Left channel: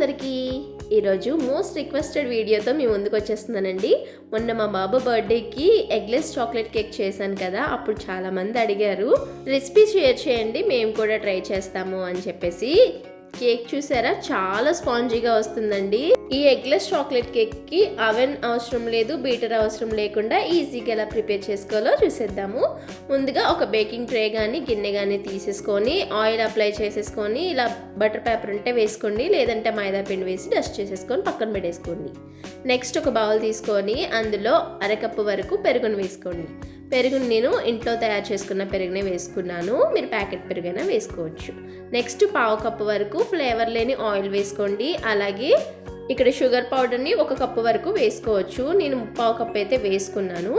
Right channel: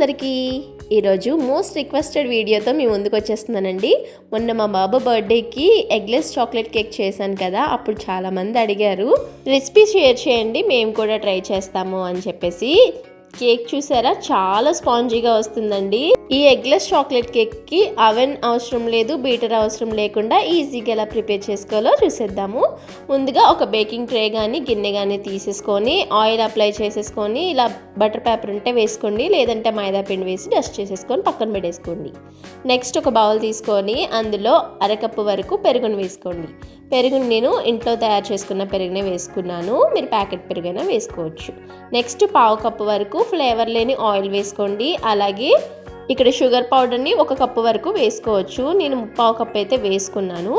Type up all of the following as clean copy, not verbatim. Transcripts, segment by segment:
అందరికీ ఈరోజు most requested వీడియోతో మీ ముందుకు వచ్చేస్తున్నానండి. మొన్న మా బాబు బర్త్డేకి ఎగ్లెస్ చాక్లెట్ కేక్ చేశాను కదా, అప్పుడు చాలామంది అడిగారు రెసిపీ షేర్ చేయండి, మేము కూడా ట్రై చేస్తాము అని చెప్పేసి. కేక్ చూసారా, చాలా స్పాంజీగా వస్తుందండి. ఈ ఎగ్లెస్ చాక్లెట్ కేక్కి అవెన్ అవసరం లేదు, బీటర్ అవసరం లేకుండా ఈజీగా ఎలా ప్రిపేర్ చేసుకోవాలో చూసేద్దాము. ముందుగా ఒక బేకింగ్ ట్రే కానీ గిన్నె కానీ తీసేసుకొని ఆయిల్ అప్లై చేసేసుకొని ఇలా బటర్ పేపర్ ఉంటే వేసుకోండి, లేదంటే మైదా పిండి వేసి డస్ట్ చేసేసుకొని పక్కన పెట్టేసుకోండి. నెక్స్ట్ ఒక బౌల్ తీసుకొని అందులో అరకప్పు వరకు పెరుగును వేసుకోండి. పెరుగును నేను ఇంట్లో తయారు చేసుకున్న పెరుగునే వేసుకున్నాను, మీరు ప్యాకెట్ పెరుగైనా వేసుకోవచ్చు. నెక్స్ట్ పావు కప్పు వరకు ఫ్లేవర్ లేని ఆయిల్ వేసుకోండి. అలాగే ఇక్కడ షుగర్ పౌడర్ని 1 కప్పు వరకు వేసుకోవచ్చు. నేను 3/4 కప్పు అయితే వేసుకున్నాను.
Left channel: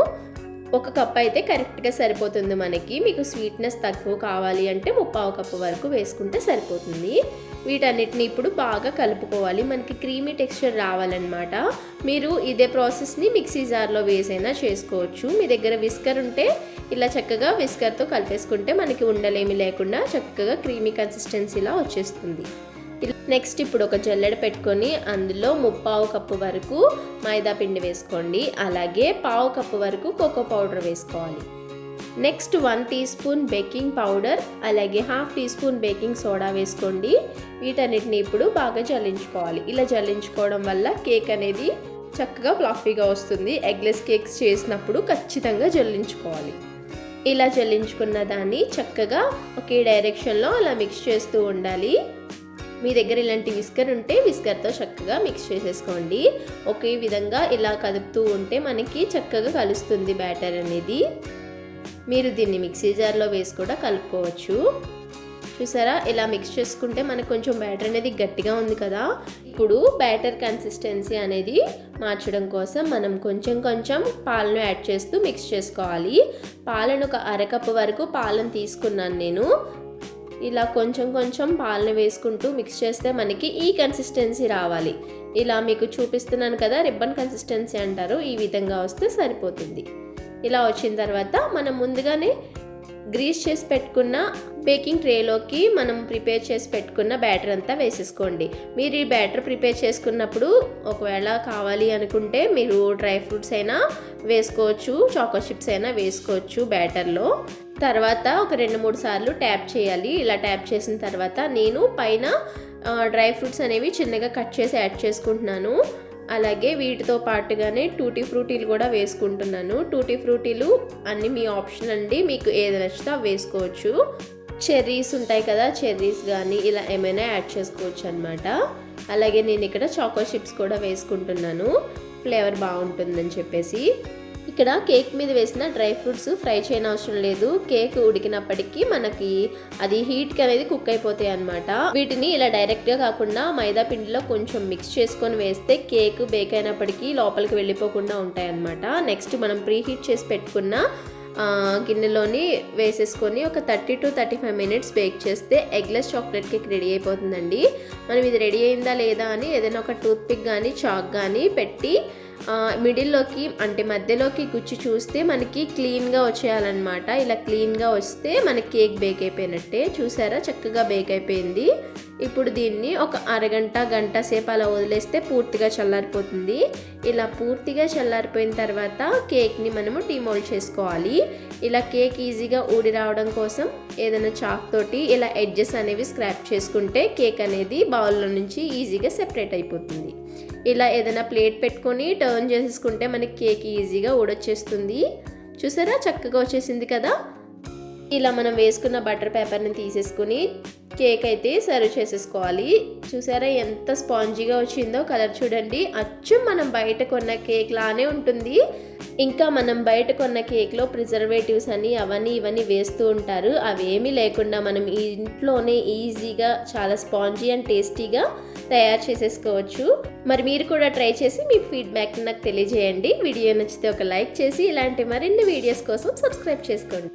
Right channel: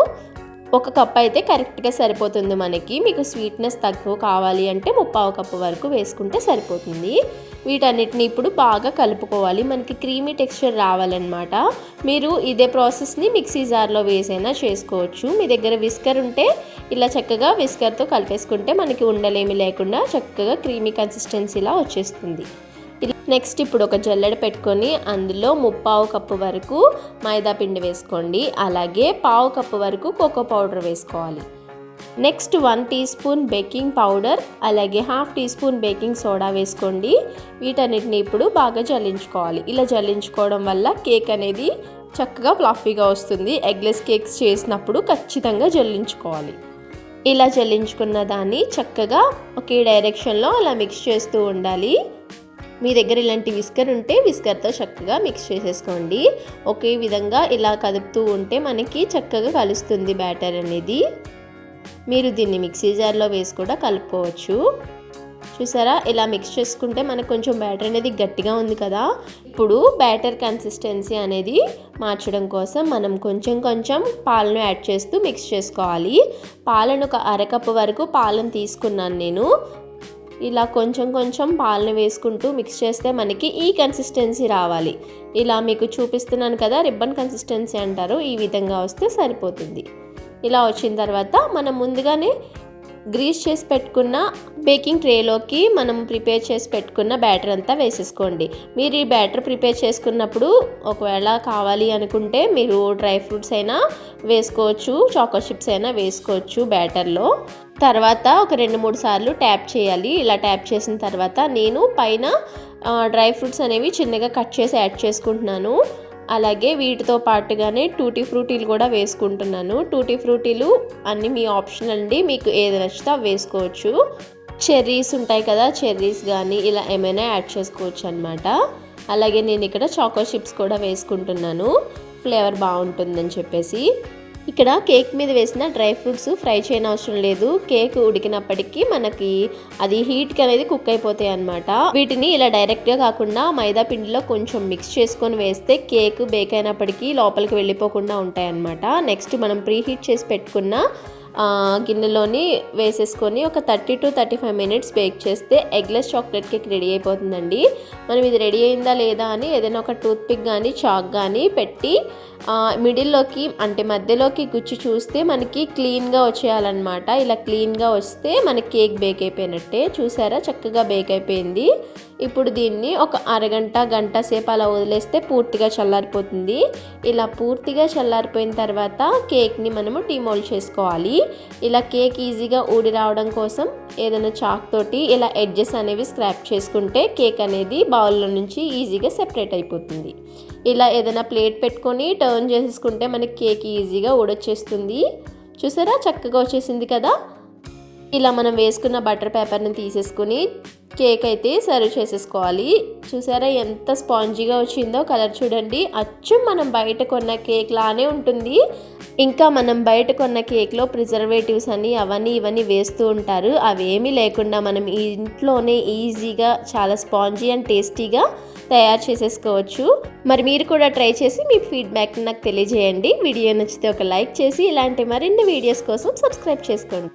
1 కప్పు అయితే కరెక్ట్గా సరిపోతుంది మనకి. మీకు స్వీట్నెస్ తక్కువ కావాలి అంటే 3/4 కప్పు వరకు వేసుకుంటే సరిపోతుంది. వీటన్నిటిని ఇప్పుడు బాగా కలుపుకోవాలి, మనకి క్రీమీ టెక్స్చర్ రావాలన్నమాట. మీరు ఇదే ప్రాసెస్ని మిక్సీ జార్లో వేసైనా చేసుకోవచ్చు. మీ దగ్గర విస్కర్ ఉంటే ఇలా చక్కగా విస్కర్తో కలిపేసుకుంటే మనకి ఉండలేమి లేకుండా చక్కగా క్రీమీ కన్సిస్టెన్సీలా వచ్చేస్తుంది. నెక్స్ట్ ఇప్పుడు ఒక జల్లెడ పెట్టుకొని అందులో 3/4 కప్పు వరకు మైదా పిండి వేసుకోండి. అలాగే 1/2 కప్పు వరకు కోకో పౌడర్ వేసుకోవాలి. Next 1 teaspoon baking powder, అలాగే 1/2 టీ స్పూన్ బేకింగ్ సోడా వేసుకోండి. వీటన్నిటిని ఇప్పుడు బాగా జల్లించుకోవాలి. ఇలా జల్లించుకోవడం వల్ల కేక్ అనేది చక్కగా ఫ్లఫీగా వస్తుంది. ఎగ్లెస్ కేక్స్ చేసినప్పుడు ఖచ్చితంగా జల్లించుకోవాలి. ఇలా జల్లించుకున్న దాన్ని చక్కగా ఒకే డైరెక్షన్లో అలా మిక్స్ చేస్తూ ఉండాలి. మీ దగ్గర ఇలాంటి విస్కర్ ఉంటే విస్కర్తో చక్కగా మిక్స్ చేసేసుకోండి. ఒకే విధంగా ఇలా కదుపుతూ ఉంటే మనకి చక్కగా కలుస్తుంది బ్యాటర్ అనేది. మీరు దీన్ని మిక్సీ జార్లో వేసి కూడా కలుపుకోవచ్చు. చూసారా, ఇలా మిక్స్ చేసుకుంటే మనకు కొంచెం బ్యాటర్ అనేది గట్టిగా ఉంది కదా. ఇప్పుడు బ్యాటర్ కన్సిస్టెన్సీ అనేది మార్చడం కోసం మనం కొంచెం కొంచెం పాలను యాడ్ చేస్తూ మిక్స్ చేసుకోవాలి. పాలను ఒక అరకప్పు వరకు పాలను తీసుకున్నాను నేను. ఇలా కొంచెం కొంచెం పాలను వేసుకుంటూ మిక్స్ చేస్తే మనకి ఈ కన్సిస్టెన్సీ రావాలి. ఇలా మీకు చూపిస్తున్నాను కదా, రిబ్బన్ కన్సిస్టెన్సీ అంటారు, ఈ విధంగా వస్తే సరిపోతుంది. ఇలా వచ్చిన తర్వాత మనం ముందుగానే గ్రీస్ చేసి పెట్టుకున్న బేకింగ్ ట్రేలోకి మనం ప్రిపేర్ చేసి పెట్టుకున్న బ్యాటర్ అంతా వేసేసుకోండి. మీరు ఈ బ్యాటర్ ప్రిపేర్ చేసుకున్నప్పుడు ఒకవేళ కావాలి అనుకుంటే మీరు డ్రై ఫ్రూట్స్ అయినా వేసుకోవచ్చు, చాకో చిప్స్ అయినా వేసుకోవచ్చు బ్యాటర్లో. తర్వాత ఒక 2-3 సార్లు ట్యాప్ చేయాలి. ఇలా ట్యాప్ చేసిన తర్వాత నేను పైన డ్రై ఫ్రూట్స్ అనేవి చిన్నగా కట్ చేసి యాడ్ చేసుకుంటున్నాను. అలాగే వీటితో పాటుగానే టూటీ ఫ్రూటీలు కూడా వేసుకుంటున్నాను. టూటీ ఫ్రూటీలు అన్నీ మీ ఆప్షన్ అండి, మీకు ఏది నచ్చితే వేసుకోవచ్చు. చెర్రీస్ ఉంటాయి కదా, చెర్రీస్ కానీ ఇలా ఏమైనా యాడ్ చేసుకోవచ్చు అనమాట. అలాగే నేను ఇక్కడ చాకో చిప్స్ కూడా వేసుకుంటున్నాను, ఫ్లేవర్ బాగుంటుందని చెప్పేసి. ఇక్కడ కేక్ మీద వేసిన డ్రై ఫ్రూట్స్ ఫ్రై చేయని అవసరం లేదు. కేక్ ఉడికినప్పటికీ మనకి అది హీట్కి అనేది కుక్ అయిపోతాయి అన్నమాట. వీటిని ఇలా డైరెక్ట్గా కాకుండా మైదా పిండిలో కొంచెం మిక్స్ చేసుకొని వేస్తే కేక్ బేక్ అయినప్పటికీ లోపలికి వెళ్ళిపోకుండా ఉంటాయి అన్నమాట. నెక్స్ట్ మనం ప్రీ హీట్ చేసి పెట్టుకున్న గిన్నెలోని వేసేసుకొని ఒక 30 to 35 మినిట్స్ బేక్ చేస్తే ఎగ్లెస్ చాక్లెట్ కేక్ రెడీ అయిపోతుందండి. మనం ఇది రెడీ అయిందా లేదా అని ఏదైనా ఒక టూత్ పిక్ కానీ చాక్ కానీ పెట్టి మిడిల్లోకి అంటే మధ్యలోకి గుచ్చి చూస్తే మనకి క్లీన్గా వచ్చేయాలన్నమాట. ఇలా క్లీన్గా వస్తే మనకి కేక్ బేక్ అయిపోయినట్టే. చూసారా, చక్కగా బేక్ అయిపోయింది. ఇప్పుడు దీన్ని ఒక అరగంట గంట సేపు అలా వదిలేస్తే పూర్తిగా చల్లారిపోతుంది. ఇలా పూర్తిగా చల్లారిపోయిన తర్వాత కేక్ని మనము డీమోల్డ్ చేసుకోవాలి. ఇలా కేక్ ఈజీగా ఊడి రావడం కోసం ఏదైనా చాక్ తోటి ఇలా ఎడ్జెస్ అనేవి స్క్రాప్ చేసుకుంటే కేక్ అనేది బౌల్లో నుంచి ఈజీగా సెపరేట్ అయిపోతుంది. ఇలా ఏదైనా ప్లేట్ పెట్టుకొని టర్న్ చేసేసుకుంటే మనకి కేక్ ఈజీగా ఊడొచ్చేస్తుంది. చూసారా, చక్కగా వచ్చేసింది కదా. ఇలా మనం వేసుకున్న బటర్ పేపర్ని తీసేసుకుని కేక్ అయితే సర్వ్ చేసేసుకోవాలి. చూసారా ఎంత స్పాంజీగా వచ్చిందో, కలర్ చూడండి, అచ్చం మనం బయట కొన్న కేక్ లానే ఉంటుంది. ఇంకా మనం బయట కొన్న కేక్లో ప్రిజర్వేటివ్స్ అని అవన్నీ ఇవన్నీ వేస్తూ ఉంటారు. అవేమీ లేకుండా మనం ఇంట్లోనే ఈజీగా చాలా స్పాంజీ అండ్ టేస్టీగా తయారు చేసేసుకోవచ్చు. మరి మీరు కూడా ట్రై చేసి మీ ఫీడ్బ్యాక్ నాకు తెలియజేయండి. వీడియో నచ్చితే ఒక లైక్ చేసి ఇలాంటి మరిన్ని వీడియోస్ కోసం సబ్స్క్రైబ్ చేసుకోండి.